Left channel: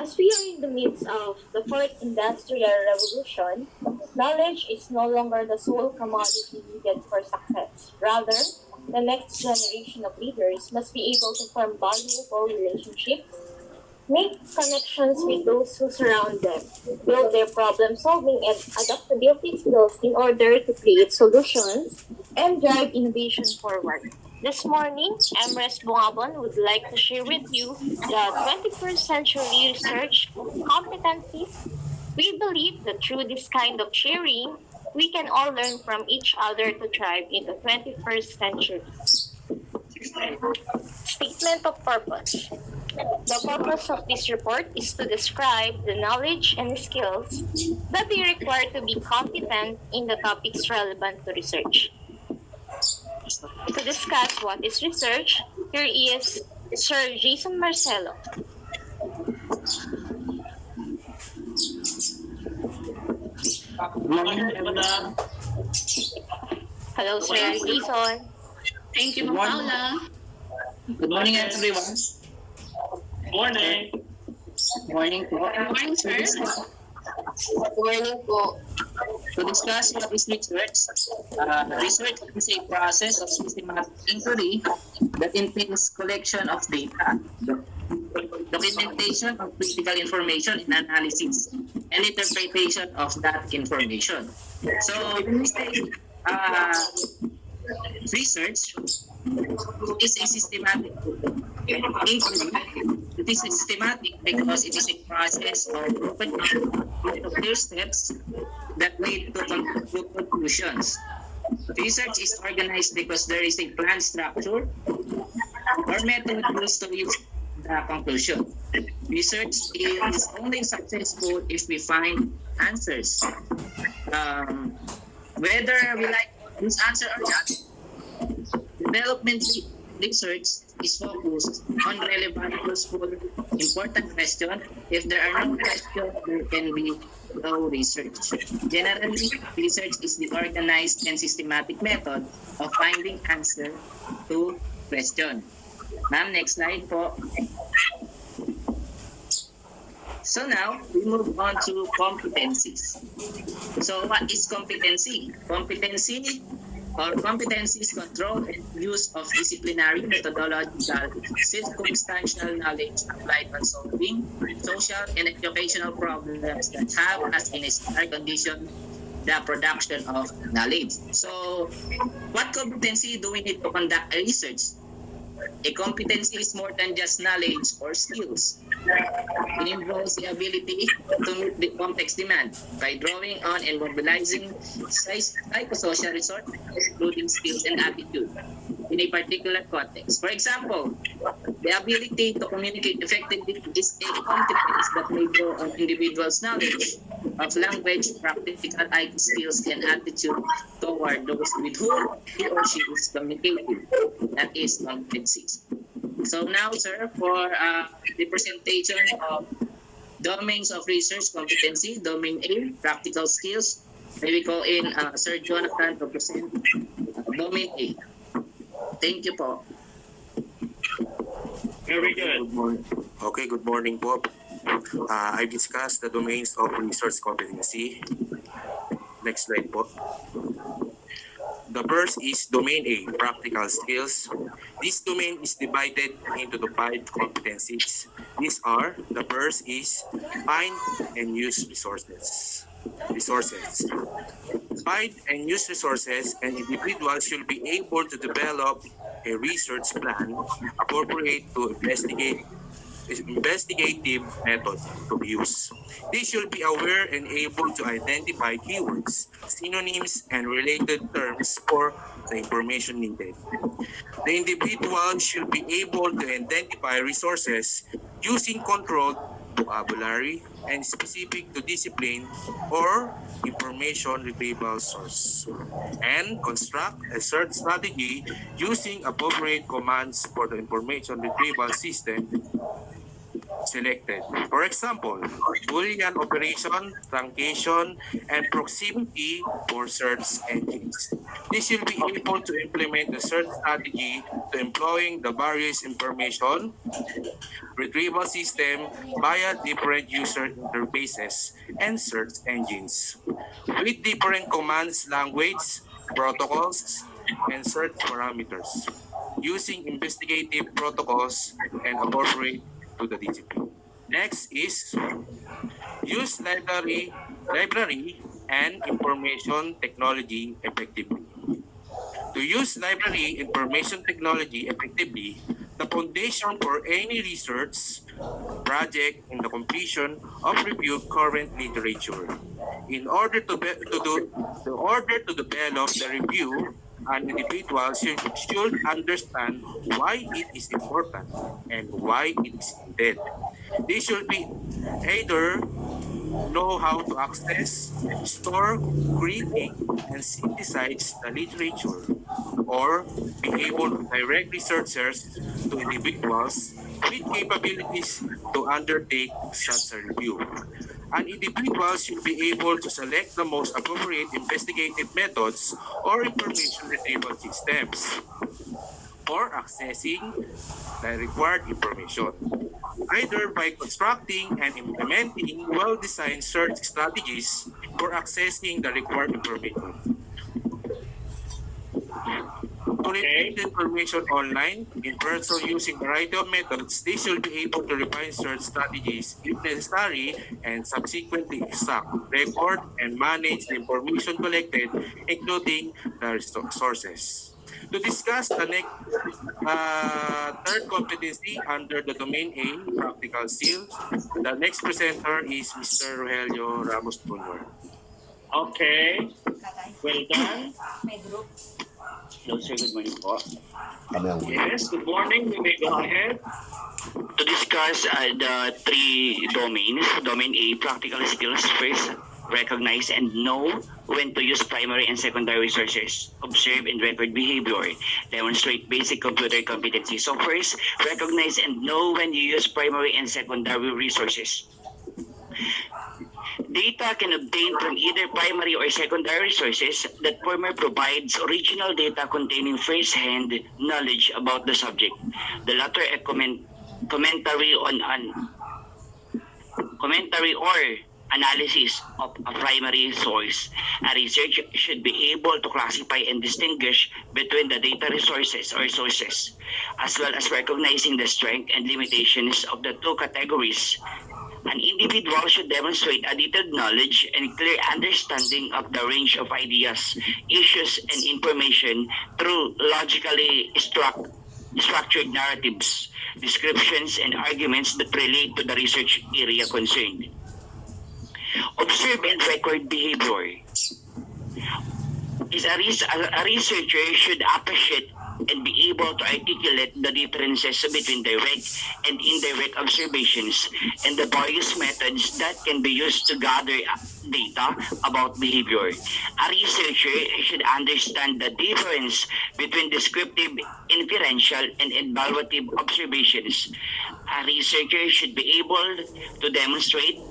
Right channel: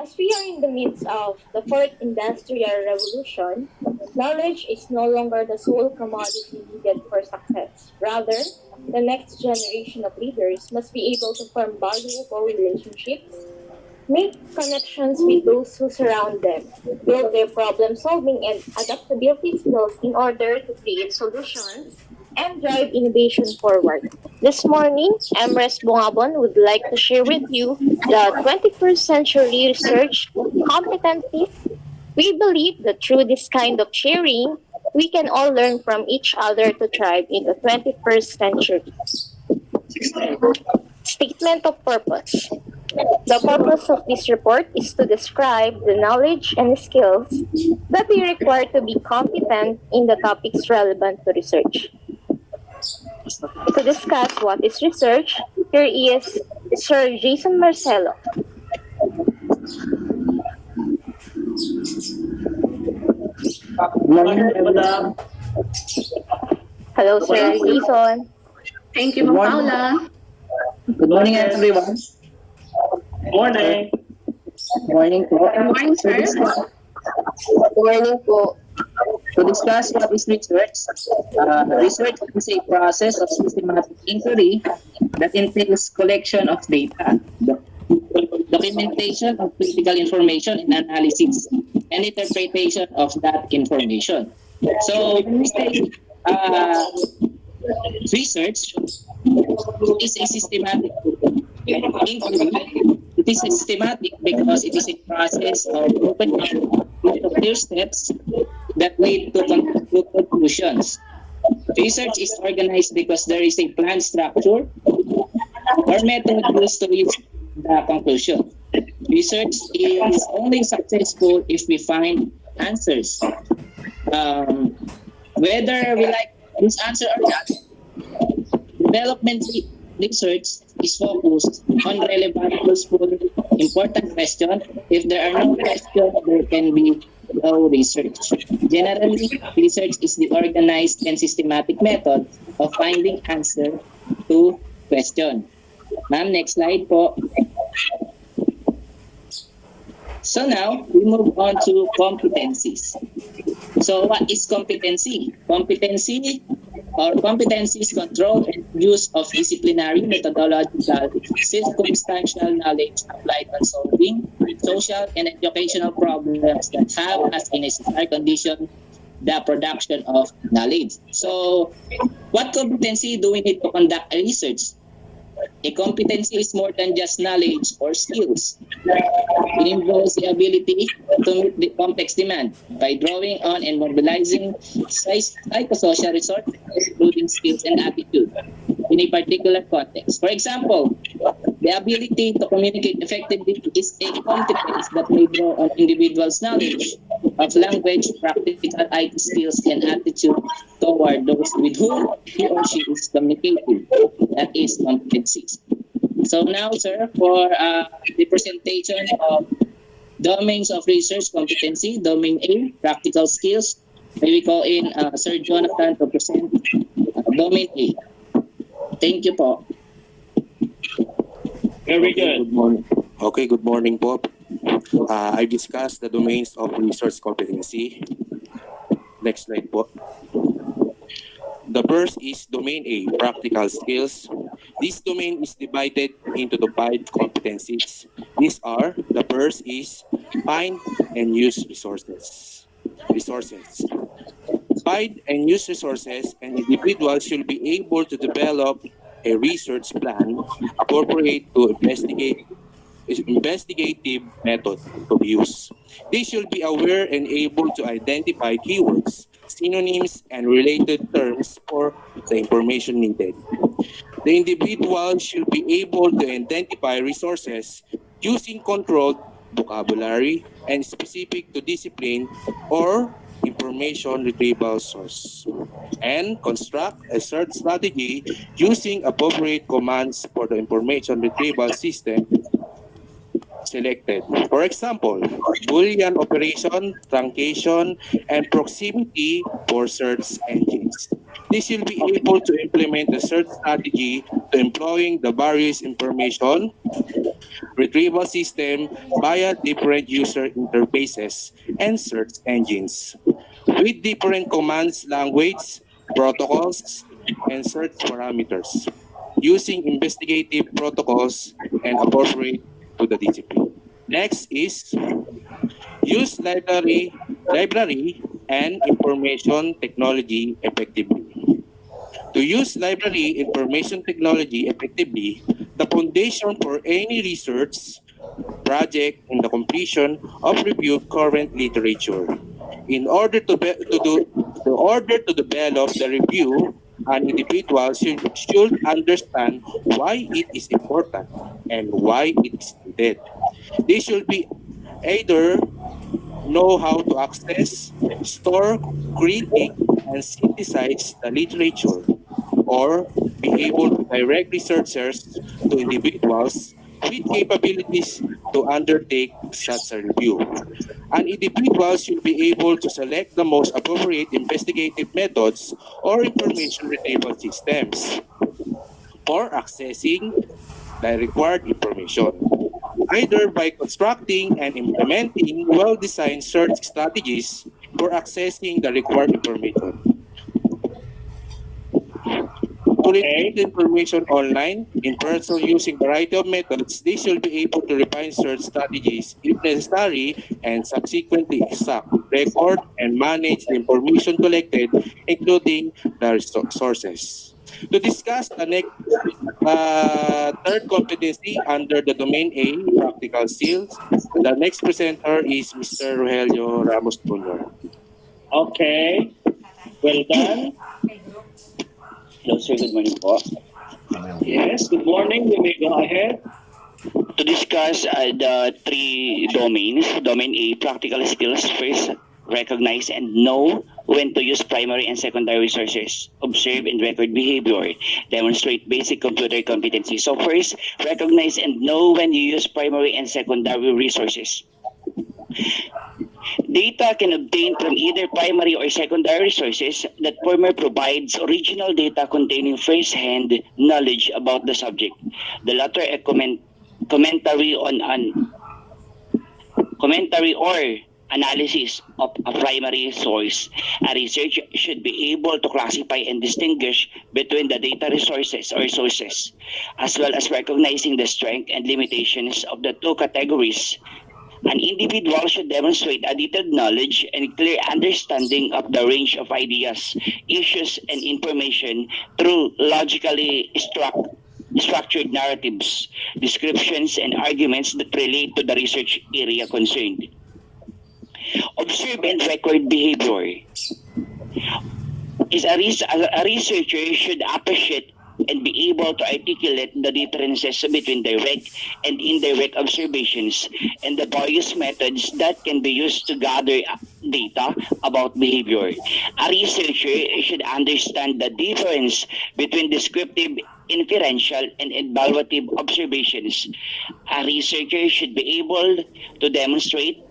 As we are in the midst of the fourth industrial revolution, knowledge is no longer the sole commodity needed for success. Rather, the next generation of leaders must be able to form valuable relationships, make connections with those who surround them, build their problem-solving and adaptability skills in order to create solutions and drive innovation forward. This morning, MRES Bongabon would like to share with you the 21st century research competencies. We believe that through this kind of sharing, we can all learn from each other to thrive in the 21st century. Statement of purpose. The purpose of this report is to describe the knowledge and skills that we require to be competent in the topics relevant to research. To discuss what is research, here is Sir Jason Marcelo. Hello, Sir Jason. Thank you, Paula. Good morning, everyone. Morning. Morning po. Good morning, sir. Good morning po. To discuss what is research, research is a process of systematic inquiry that entails collection of data, documentation of critical information and analysis, and interpretation of that information. So, research is a systematic inquiry. It is systematic because it is a process of open clear steps that lead to conclusions. Research is organized because there is a planned structure or method used to reach the conclusion. Research is only successful if we find answers. Whether we like this answer or not, development research is focused on relevant, useful, important questions. If there are no questions, there can be no research. Generally, research is the organized and systematic method of finding answer to question. Ma'am, next slide po. So now, we move on to competencies. So what is competency? Competency is control and use of disciplinary, methodological, circumstantial knowledge applied on solving social and educational problems that have as a necessary condition the production of knowledge. So, what competency do we need to conduct a research? A competency is more than just knowledge or skills. It involves the ability to meet the complex demand by drawing on and mobilizing psychosocial resources, including skills and attitude, in a particular context. For example, the ability to communicate effectively is a competence that may draw on individuals' knowledge of language, practical IT skills, and attitude toward those with whom he or she is communicating. That is competencies. So now, sir, for the presentation of domains of research competency, domain A, practical skills, may we call in Sir Jonathan to present domain A. Thank you po. Very good. Good morning. Okay, good morning po. I discussed the domains of research competency. Next slide po. The first is domain A, practical skills. This domain is divided into the 5 competencies. These are, the first is find and use resources. Find and use resources, and individuals should be able to develop a research plan appropriate to investigative method of use. They should be aware and able to identify keywords, synonyms, and related terms for the information needed. The individual should be able to identify resources using controlled vocabulary and specific to discipline or information retrieval source, and construct a search strategy using appropriate commands for the information retrieval system selected. For example, Boolean operation, truncation, and proximity for search engines. This will be able to implement the search strategy to employing the various information retrieval system via different user interfaces and search engines, with different commands language, protocols, and search parameters, using investigative protocols and appropriate to the discipline. Next is use library and information technology effectively. To use library information technology effectively, the foundation for any research project in the completion of reviewed current literature. In order to develop the review, an individual should understand why it is important and why it is needed. They should be either know how to access, store, critique, and synthesize the literature, or be able to direct researchers to individuals with capabilities to undertake such a review. An individual should be able to select the most appropriate investigative methods or information retrieval systems for accessing the required information, either by constructing and implementing well-designed search strategies for accessing the required information. To retrieve the information online, in person using a variety of methods, they should be able to refine search strategies if necessary and subsequently extract, record, and manage the information collected, including the sources. To discuss the next third competency under the domain A, practical skills, the next presenter is Mr. Rogelio Ramos Jr. Okay. Well done. Hello, sir. Good morning po. Yes, good morning. You may go ahead. To discuss the three domains, domain A, practical skills. First, recognize and know when to use primary and secondary resources, observe and record behavior, demonstrate basic computer competency. So first, recognize and know when you use primary and secondary resources. Data can obtain from either primary or secondary sources. That former provides original data containing first-hand knowledge about the subject. The latter a commentary or analysis of a primary source. A researcher should be able to classify and distinguish between the data resources or sources, as well as recognizing the strength and limitations of the two categories. An individual should demonstrate a detailed knowledge and clear understanding of the range of ideas, issues, and information through logically structured narratives, descriptions, and arguments that relate to the research area concerned. Observe and record behavior. A researcher should appreciate and be able to articulate the differences between direct and indirect observations and the various methods that can be used to gather data about behavior. A researcher should understand the difference between descriptive, inferential, and evaluative observations. A researcher should be able to demonstrate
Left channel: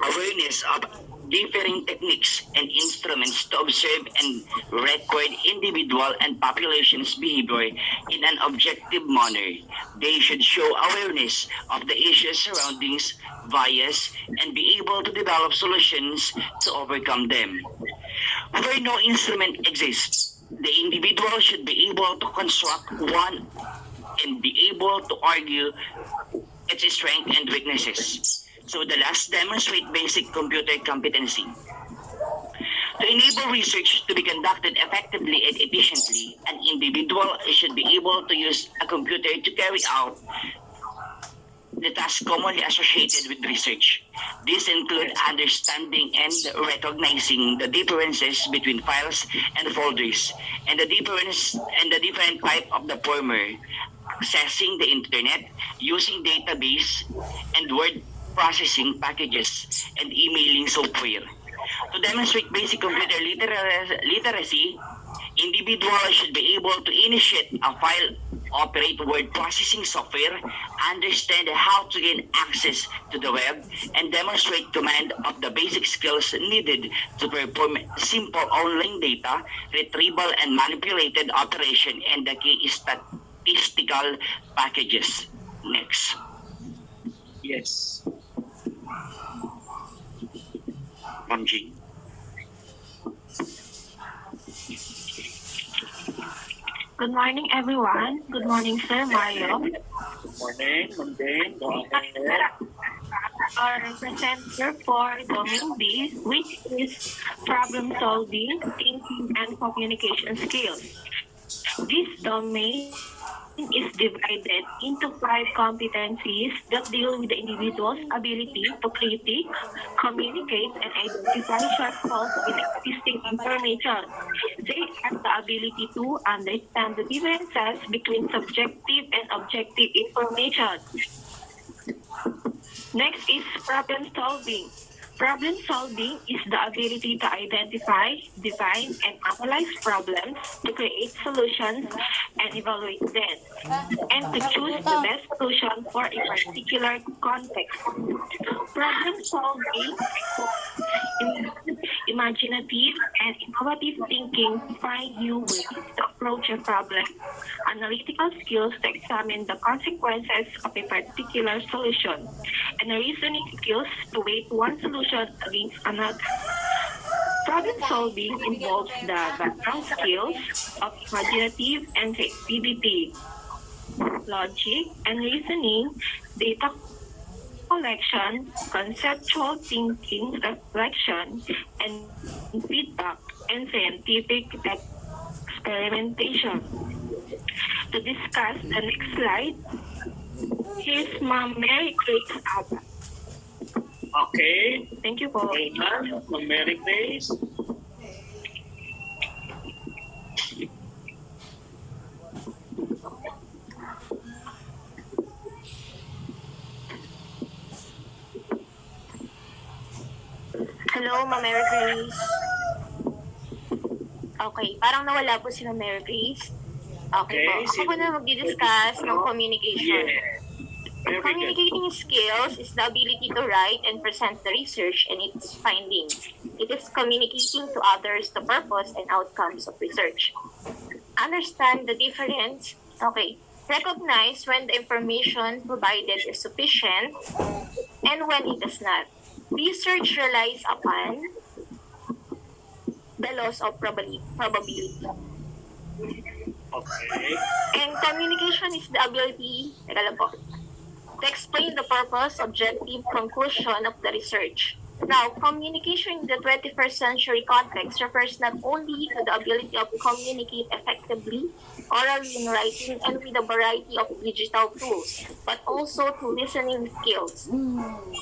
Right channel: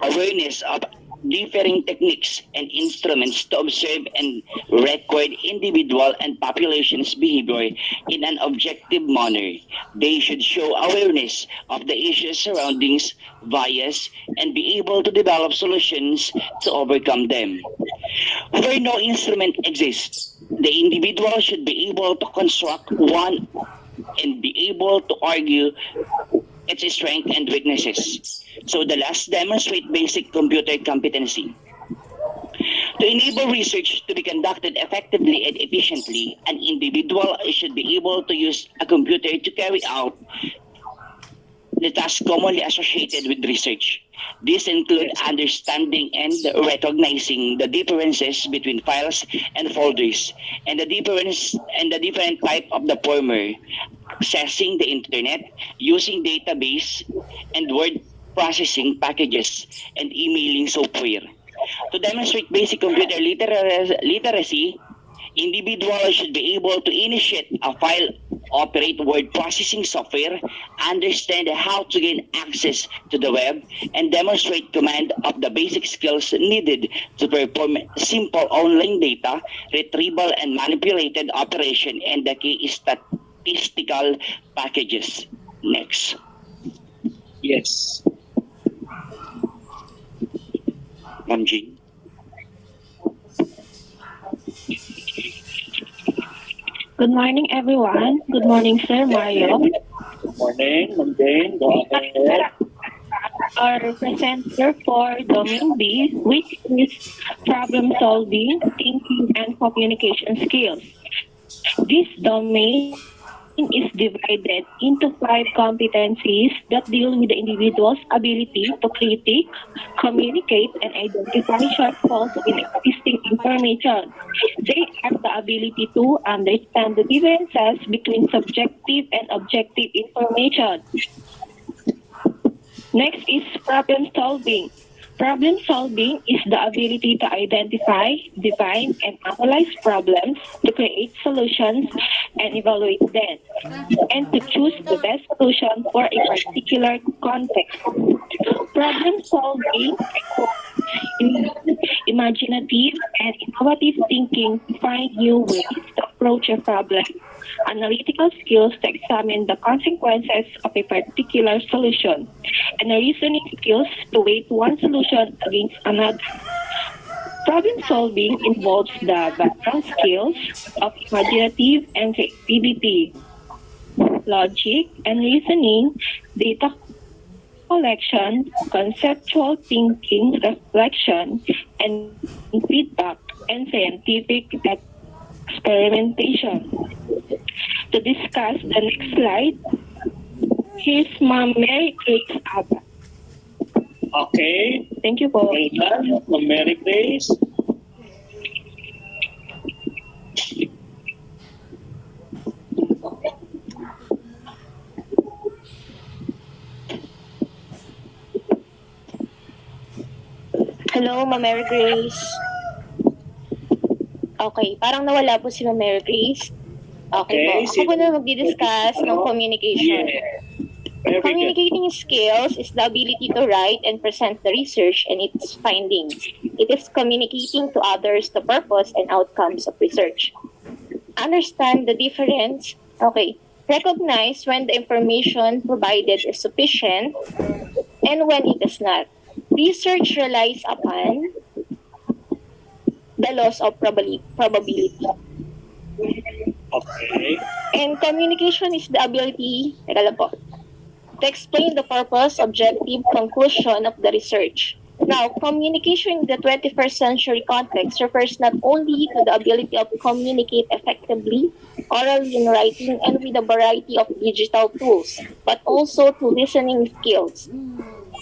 awareness of differing techniques and instruments to observe and record individual and populations' behavior in an objective manner. They should show awareness of the issues surrounding bias and be able to develop solutions to overcome them. Where no instrument exists, the individual should be able to construct one and be able to argue its strengths and weaknesses. So the last, demonstrate basic computer competency. To enable research to be conducted effectively and efficiently, an individual should be able to use a computer to carry out the tasks commonly associated with research. These include understanding and recognizing the differences between files and folders, and the different type of the former, accessing the internet, using database and word processing packages, and emailing software. To demonstrate basic computer literacy, individuals should be able to initiate a file, operate word processing software, understand how to gain access to the web, and demonstrate command of the basic skills needed to perform simple online data retrieval and manipulated operation and the key statistical packages. Next. Yes. Ma'am Jean. Good morning, everyone. Good morning, Sir Mario. Good morning, Ma'am Jane. Go ahead. Our presenter for Domain B, which is problem solving, thinking, and communication skills. This domain is divided into 5 competencies that deal with the individual's ability to critique, communicate, and identify shortfalls in existing information. They are the ability to understand the differences between subjective and objective information. Next is problem solving. Problem solving is the ability to identify, define, and analyze problems, to create solutions, and evaluate them, and to choose the best solution for a particular context. Problem solving imaginative and innovative thinking to find new ways to approach a problem, analytical skills to examine the consequences of a particular solution, and reasoning skills to weigh one solution against another. Problem solving involves the background skills of imaginative and creativity, logic and reasoning, data collection, conceptual thinking, reflection, and feedback, and scientific experimentation. To discuss the next slide, here's Ma'am Mary Grace Abba. Okay. Thank you po. Well done, Ma'am Mary Grace. Hello, Ma'am Mary Grace. Okay, parang nawala po si Ma'am Mary Grace. Okay po. Ako po na magdi-discuss ng communication. Yeah. Very good. Communicating skills is the ability to write and present the research and its findings. It is communicating to others the purpose and outcomes of research. Understand the difference. Okay. Recognize when the information provided is sufficient and when it is not. Research relies upon the laws of probability. Okay. And communication is the ability, to explain the purpose, objective, conclusion of the research. Now, communication in the 21st century context refers not only to the ability of communicate effectively, orally in writing, and with a variety of digital tools, but also to listening skills.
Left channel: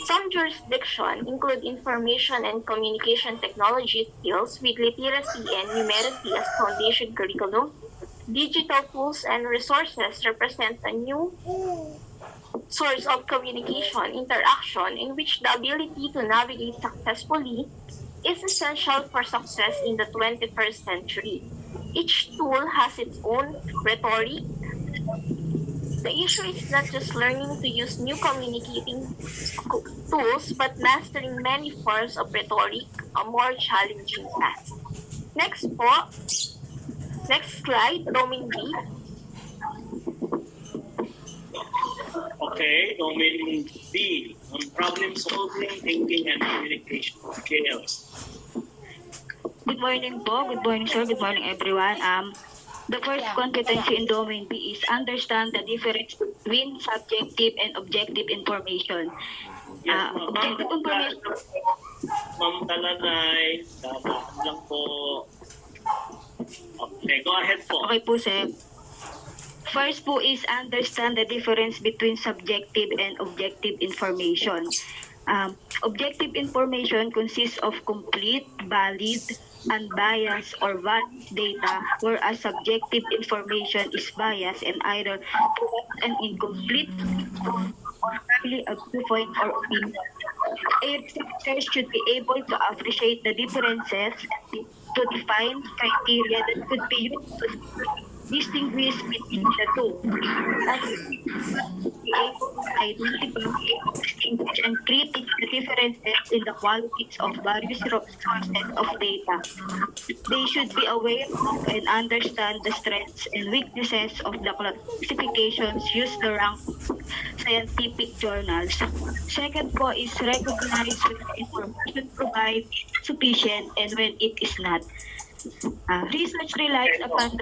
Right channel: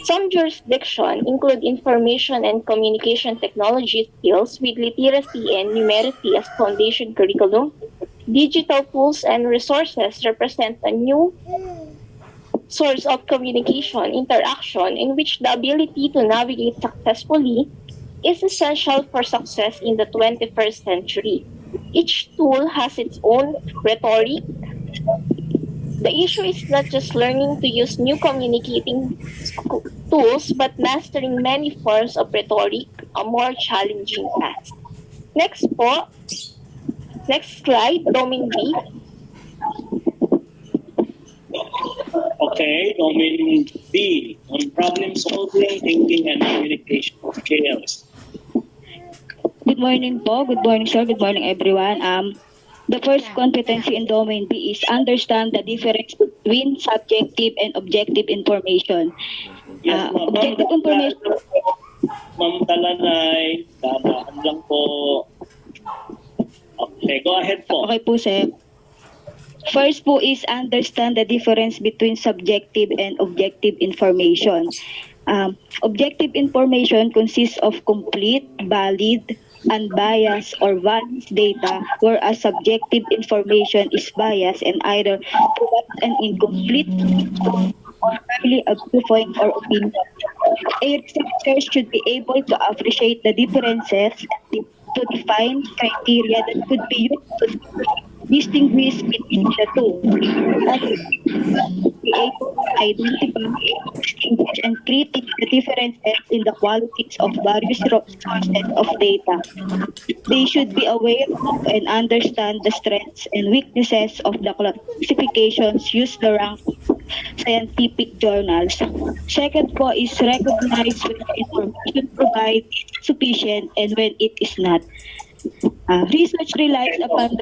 Some jurisdictions include information and communication technology skills with literacy and numeracy as foundation curriculum. Digital tools and resources represent a new source of communication interaction in which the ability to navigate successfully is essential for success in the 21st century. Each tool has its own rhetoric. The issue is not just learning to use new communicating tools, but mastering many forms of rhetoric, a more challenging task. Next po, next slide, domain B. Okay, domain B on problem solving, thinking, and communication skills. Good morning po. Good morning, sir. Good morning, everyone. The first competency in domain B is understand the difference between subjective and objective information. Yes, ma'am. Objective information. Ma'am Talanay, danaan lang po. Okay, go ahead po. Okay po, sir. First po is understand the difference between subjective and objective information. Objective information consists of complete, valid, unbiased, or valid data, whereas subjective information is biased and either provides an incomplete or merely a viewpoint or opinion. A researcher should be able to appreciate the differences and to define criteria that could be used to distinguish between the two. Be able to identify, distinguish, and critique the differences in the qualities of various sources of data. They should be aware of and understand the strengths and weaknesses of the classifications used to rank scientific journals. Second po is recognize when the information provided is sufficient and when it is not. Research relies upon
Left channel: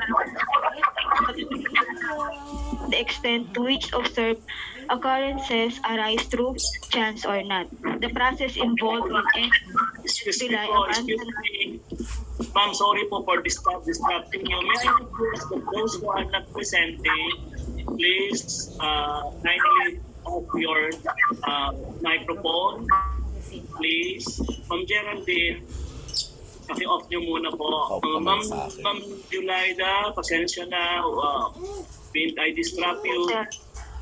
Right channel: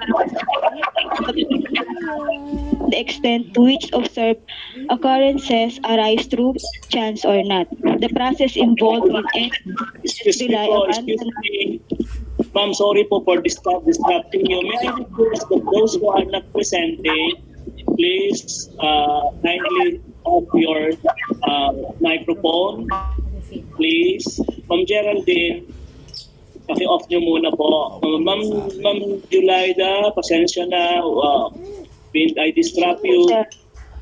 the extent to which observed occurrences arise through chance or not. The process involved in any Excuse me rely po, upon excuse me. Ma'am, sorry po for disrupting you. May I request that those who are not presenting, please kindly off your microphone. Please. Ma'am Geraldine, paki-off nyo muna po. Ma'am Julaida, pasensya na. I disrupt you.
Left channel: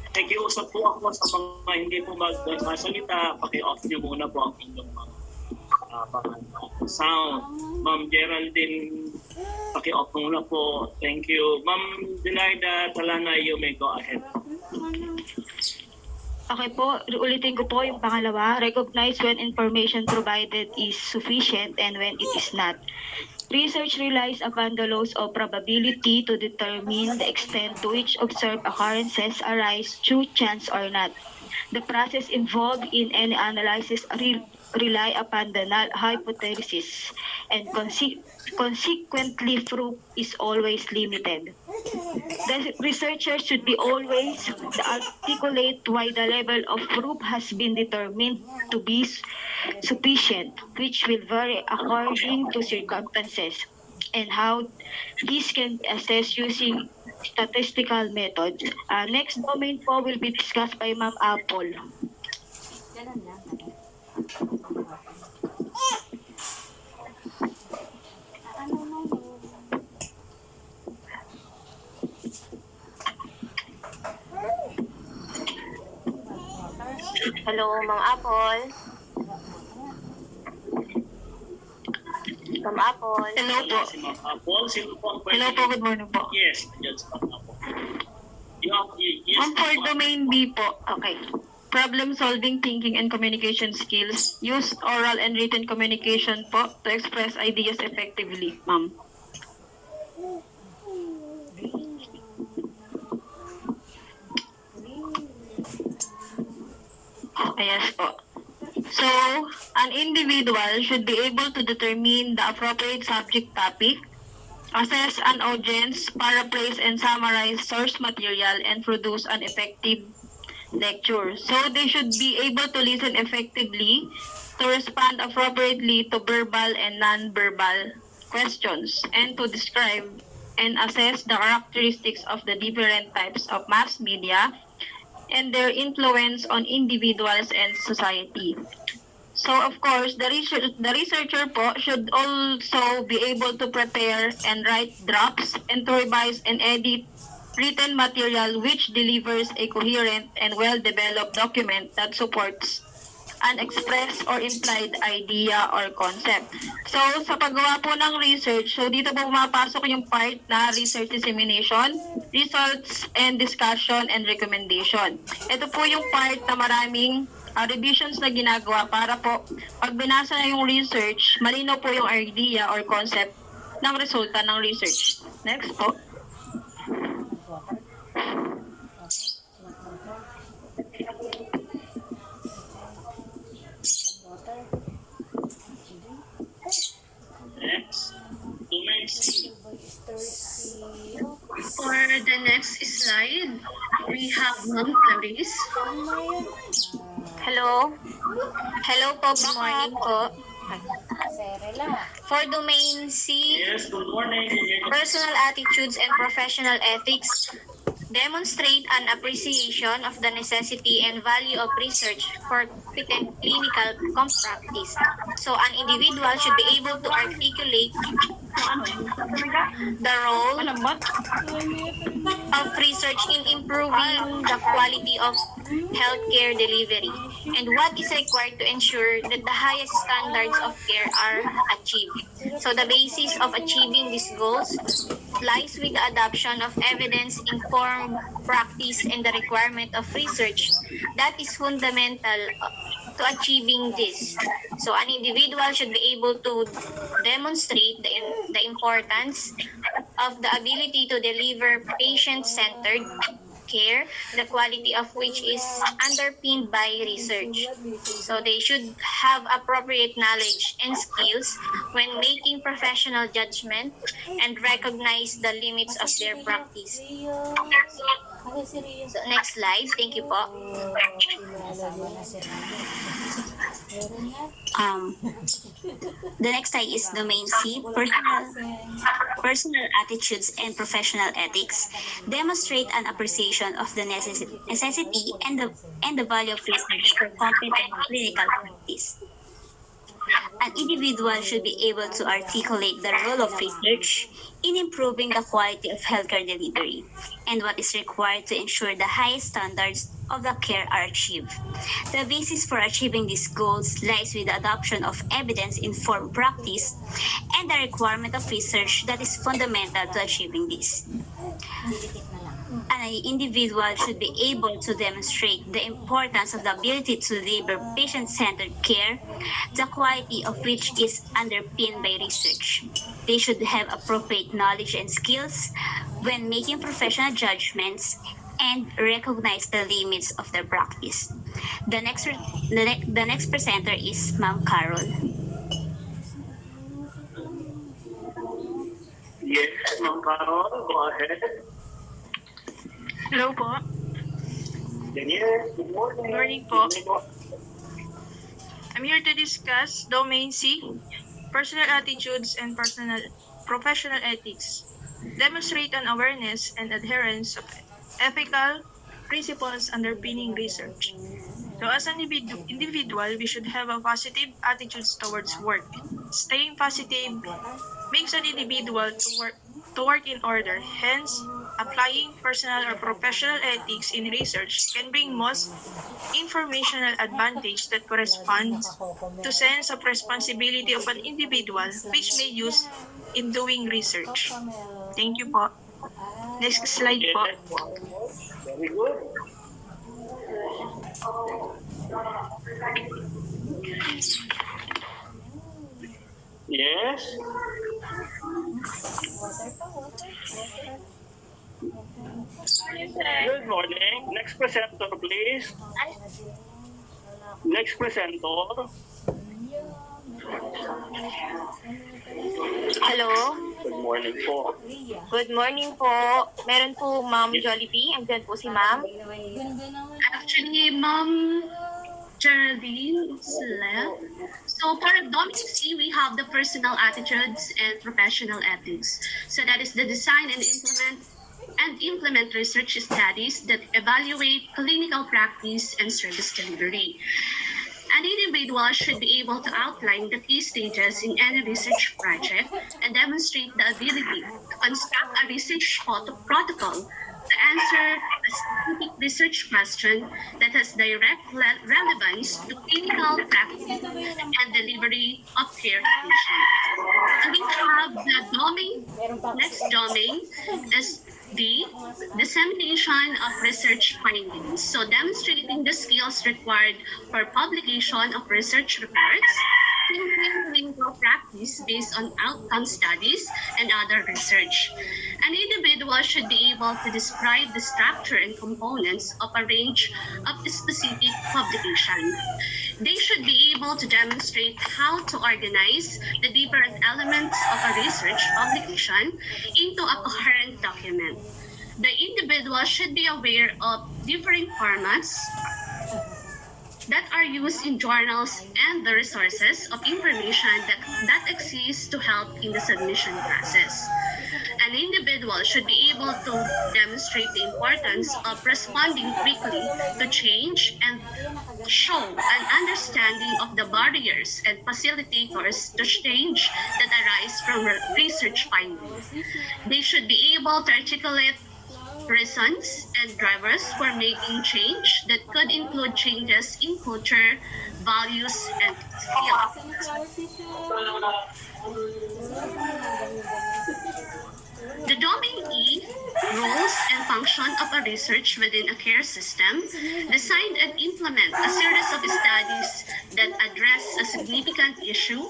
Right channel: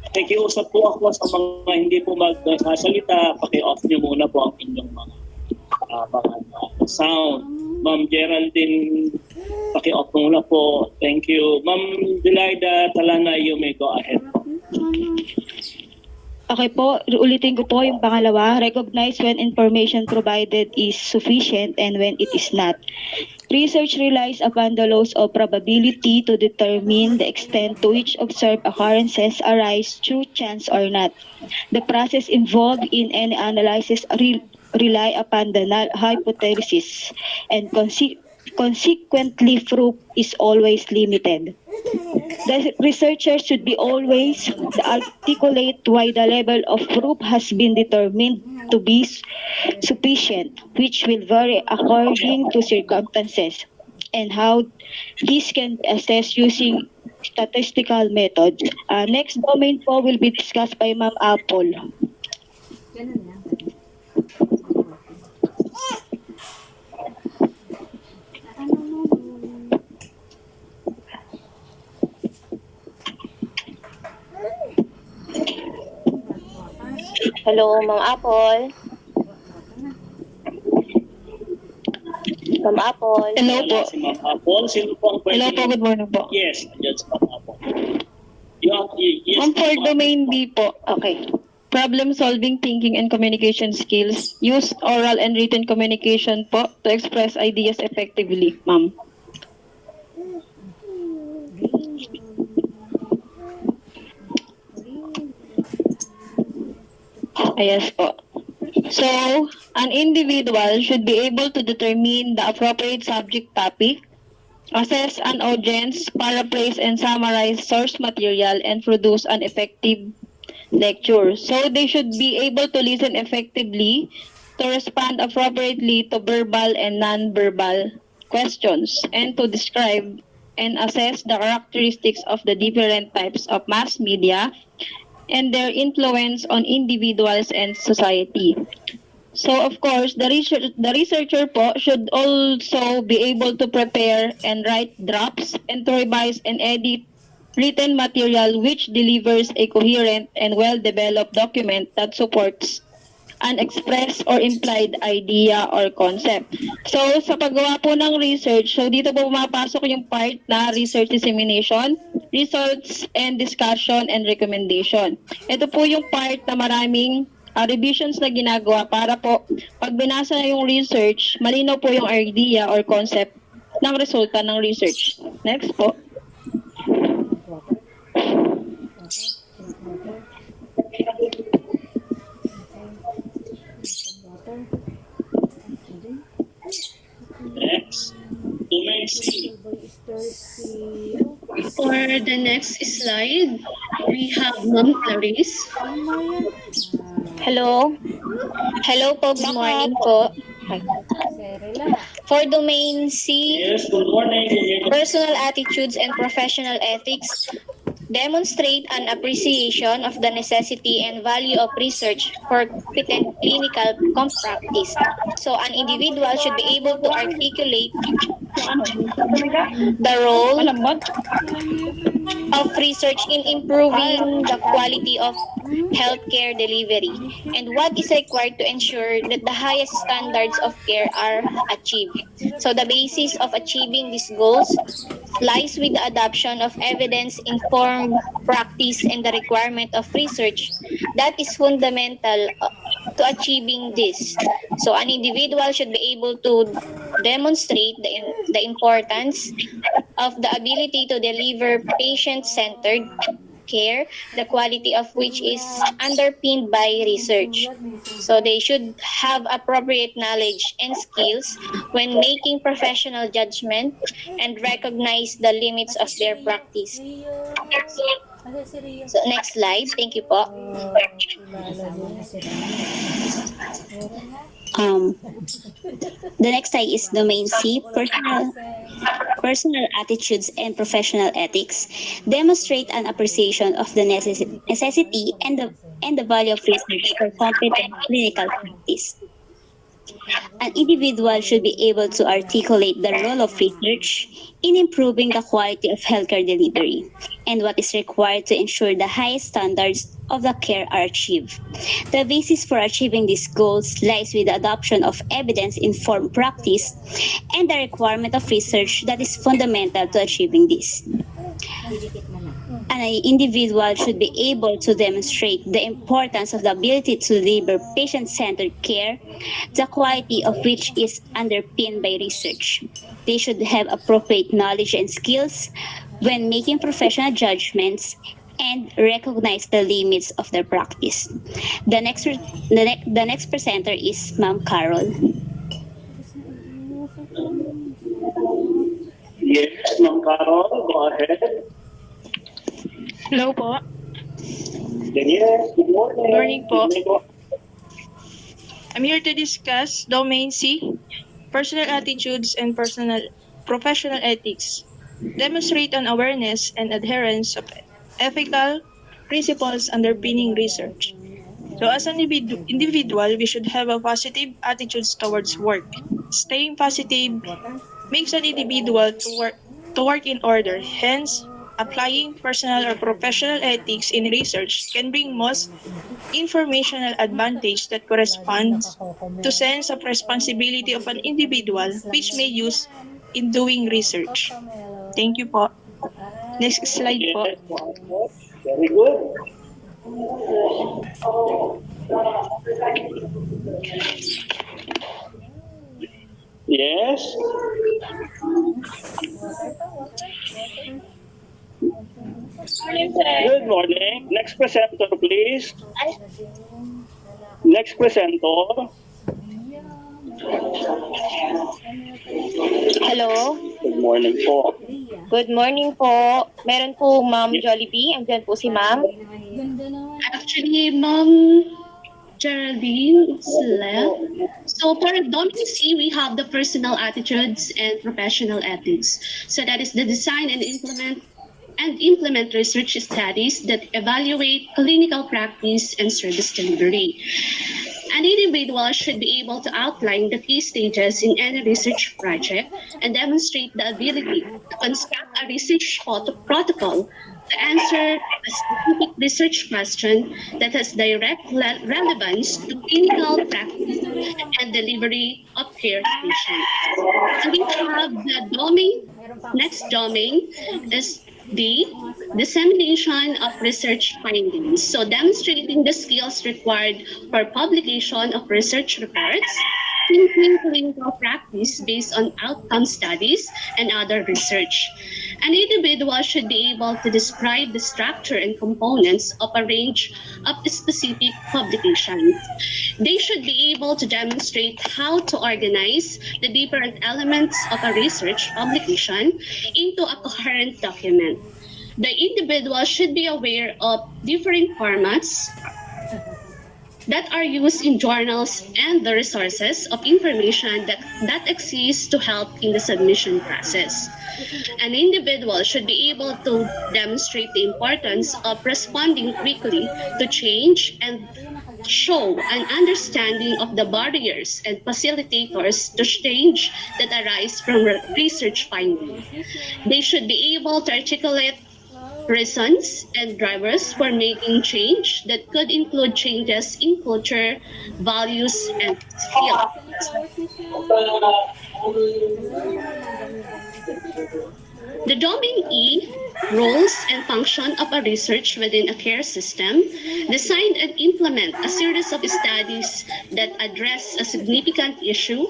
Nakikiusap po ako sa mga hindi po magsasalita. Paki-off nyo muna po ang inyong mga sound. Ma'am Geraldine, paki-off muna po. Thank you. Ma'am Julaida Talana, you may go ahead. Okay po, ulitin ko po yung pangalawa. Recognize when information provided is sufficient and when it is not. Research relies upon the laws of probability to determine the extent to which observed occurrences arise through chance or not. The process involved in any analysis rely upon the null hypothesis and consequently proof is always limited. The researcher should be always articulate why the level of proof has been determined to be sufficient, which will vary according to circumstances, and how this can be assessed using statistical methods. Next domain po will be discussed by Ma'am Apple. Hello, Mang Apple. Ma'am Apple. Hello po. Si Ma'am Apple, sino po ang Hello po, good morning po. Yes, yes, Ma'am Apple. Yes, On for domain B po. Okay. Problem solving, thinking, and communication skills. Use oral and written communication po to express ideas effectively, ma'am. Yes po. So, an individual should be able to determine the appropriate subject topic, assess an audience, paraphrase and summarize source material, and produce an effective lecture. So, they should be able to listen effectively, to respond appropriately to verbal and non-verbal questions, and to describe and assess the characteristics of the different types of mass media and their influence on individuals and society. So of course, the researcher po should also be able to prepare and write drafts and to revise and edit written material which delivers a coherent and well-developed document that supports an expressed or implied idea or concept. So, sa paggawa po ng research, so dito po pumapasok yung part na research dissemination, results and discussion and recommendation. Ito po yung part na maraming revisions na ginagawa para po pag binasa na yung research, malinaw po yung idea or concept ng resulta ng research. Next po. Next. Domain C. For the next slide, we have Ma'am Clarice. Hello. Hello po, good morning po. For domain C, Yes, good morning. personal attitudes and professional ethics demonstrate an appreciation of the necessity and value of research for competent clinical practice. So an individual should be able to articulate the role of research in improving the quality of healthcare delivery and what is required to ensure that the highest standards of care are achieved. So the basis of achieving these goals lies with the adoption of evidence-informed practice and the requirement of research that is fundamental to achieving this. So an individual should be able to demonstrate the importance of the ability to deliver patient-centered, care, the quality of which is underpinned by research. So they should have appropriate knowledge and skills when making professional judgment and recognize the limits of their practice. So next slide. Thank you po. The next slide is domain C, personal attitudes and professional ethics. Demonstrate an appreciation of the necessity and the value of research for competent clinical practice. An individual should be able to articulate the role of research in improving the quality of healthcare delivery and what is required to ensure the highest standards of the care are achieved. The basis for achieving these goals lies with the adoption of evidence-informed practice and the requirement of research that is fundamental to achieving this. An individual should be able to demonstrate the importance of the ability to deliver patient-centered care, the quality of which is underpinned by research. They should have appropriate knowledge and skills when making professional judgments and recognize the limits of their practice. The next presenter is Ma'am Carol. Yes, Ma'am Carol, go ahead. Hello po. Yes, good morning. Good morning po. I'm here to discuss Domain C, personal attitudes and professional ethics. Demonstrate an awareness and adherence of ethical principles underpinning research. So as an individual, we should have a positive attitudes towards work. Staying positive makes an individual to work in order. Hence, applying personal or professional ethics in research can bring most informational advantage that corresponds to sense of responsibility of an individual which may use in doing research. Thank you po. Next slide po. Very good. Yes. Good morning. Next presenter, please. Next presenter. Hello. Good morning po. Good morning po. Meron po Ma'am Jollibee. Andyan po si Ma'am. Actually, Ma'am Geraldine is left. So for Domain C, we have the personal attitudes and professional ethics. So that is the design and implement research studies that evaluate clinical practice and service delivery. An individual should be able to outline the key stages in any research project and demonstrate the ability to construct a research protocol to answer a specific research question that has direct relevance to clinical practice and delivery of care to patients. And we have the next domain is the dissemination of research findings. So demonstrating the skills required for publication of research reports, thinking clinical practice based on outcome studies and other research. An individual should be able to describe the structure and components of a range of specific publications. They should be able to demonstrate how to organize the different elements of a research publication into a coherent document. The individual should be aware of different formats that are used in journals and the resources of information that exist to help in the submission process. An individual should be able to demonstrate the importance of responding quickly to change and show an understanding of the barriers and facilitators to change that arise from research findings. They should be able to articulate reasons and drivers for making change that could include changes in culture, values, and skills. The domain E, roles and function of a research within a care system, design and implement a series of studies that address a significant issue,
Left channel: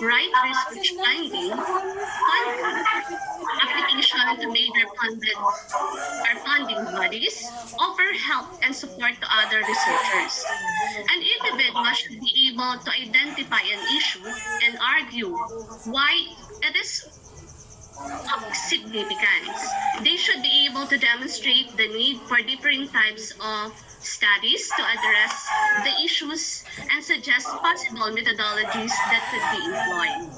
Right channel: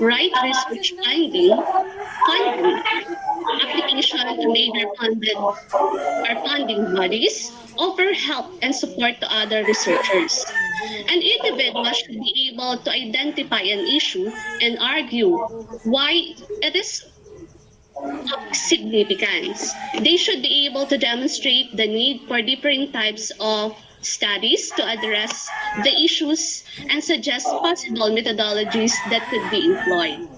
write research finding, application to major funding bodies, offer help and support to other researchers. An individual should be able to identify an issue and argue why it is of significance. They should be able to demonstrate the need for different types of studies to address the issues and suggest possible methodologies that could be employed.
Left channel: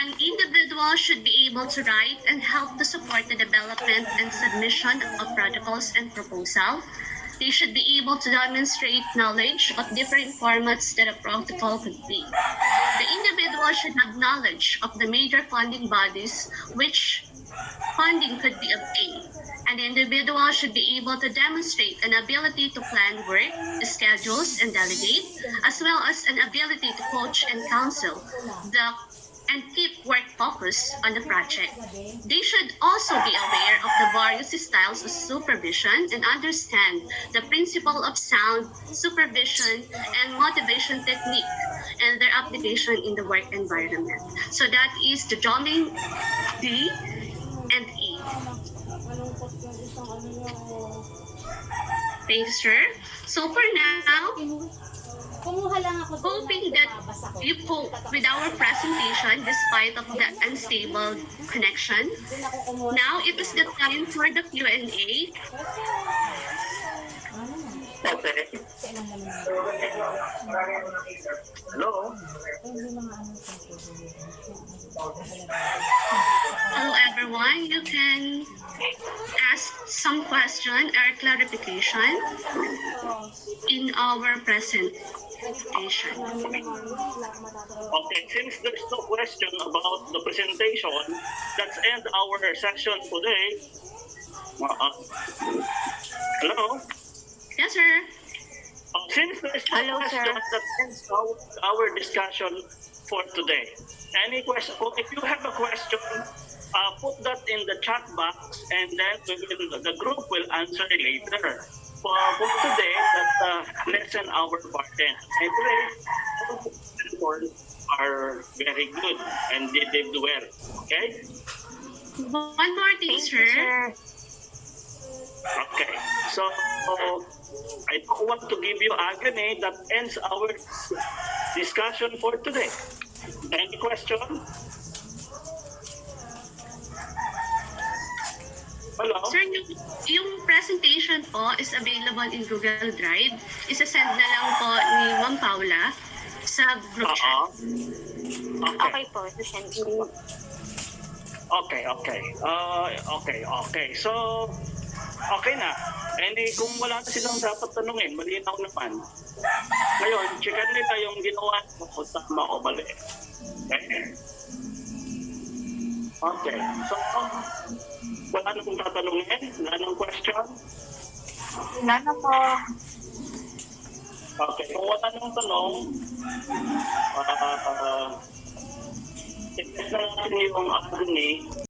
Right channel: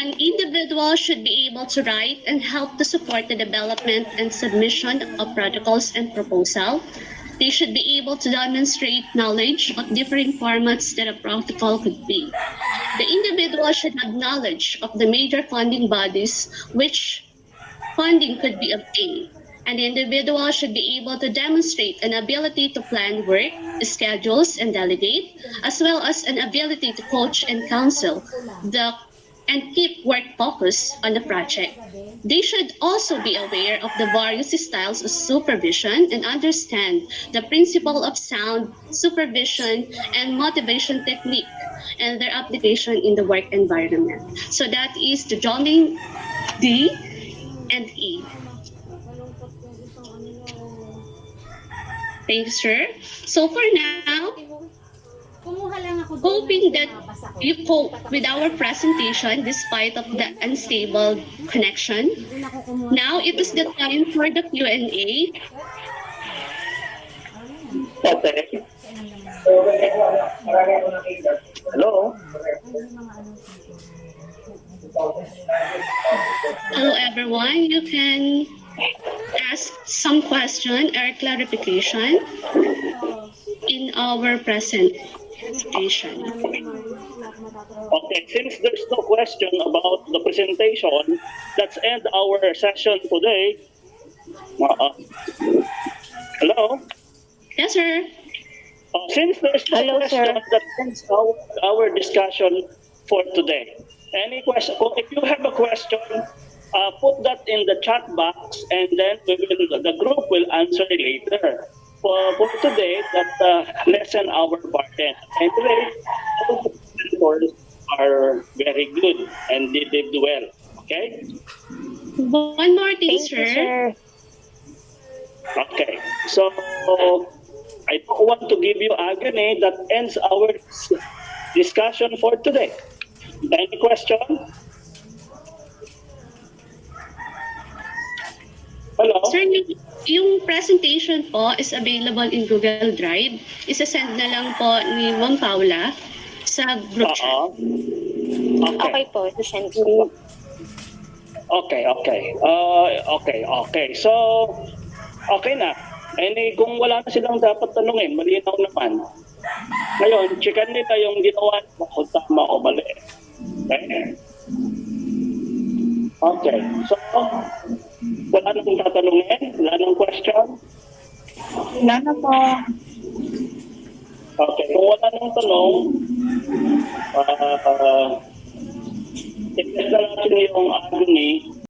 An individual should be able to write and help to support the development and submission of protocols and proposal. They should be able to demonstrate knowledge of different formats that a protocol could be. The individual should have knowledge of the major funding bodies which funding could be obtained. And the individual should be able to demonstrate an ability to plan work, schedules, and delegate, as well as an ability to coach and counsel and keep work focused on the project. They should also be aware of the various styles of supervision and understand the principle of sound supervision and motivation technique and their application in the work environment. So that is the domain D and E. Thank you, sir. So for now, hoping that you cope with our presentation despite of the unstable connection. Now it is the time for the Q&A. Okay. Hello? Hello everyone, you can ask some question or clarification in our presentation. Okay, since there's no question about the presentation, let's end our session today. Hello? Yes, sir. Since there's no question, that ends our discussion for today. Any question? If you have a question, put that in the chat box, and then the group will answer later. For today, that lessen our burden. Anyway, all the mentors are very good and they did well. Okay? One more thing, sir. Okay. So I don't want to give you agony. That ends our discussion for today. Any question? Hello? Sir, yung presentation po is available in Google Drive. Isa-send na lang po ni Ma'am Paula sa group chat. Okay po, send ko. Okay. So, okay na. Kung wala na silang dapat tanungin, malinaw naman. Ngayon, checkan nila yung ginawa mo kung tama o mali. Okay. So, wala na kong tatanungin? Wala nang question? Wala na po. Okay. Kung wala nang tanong, i-test na natin yung agony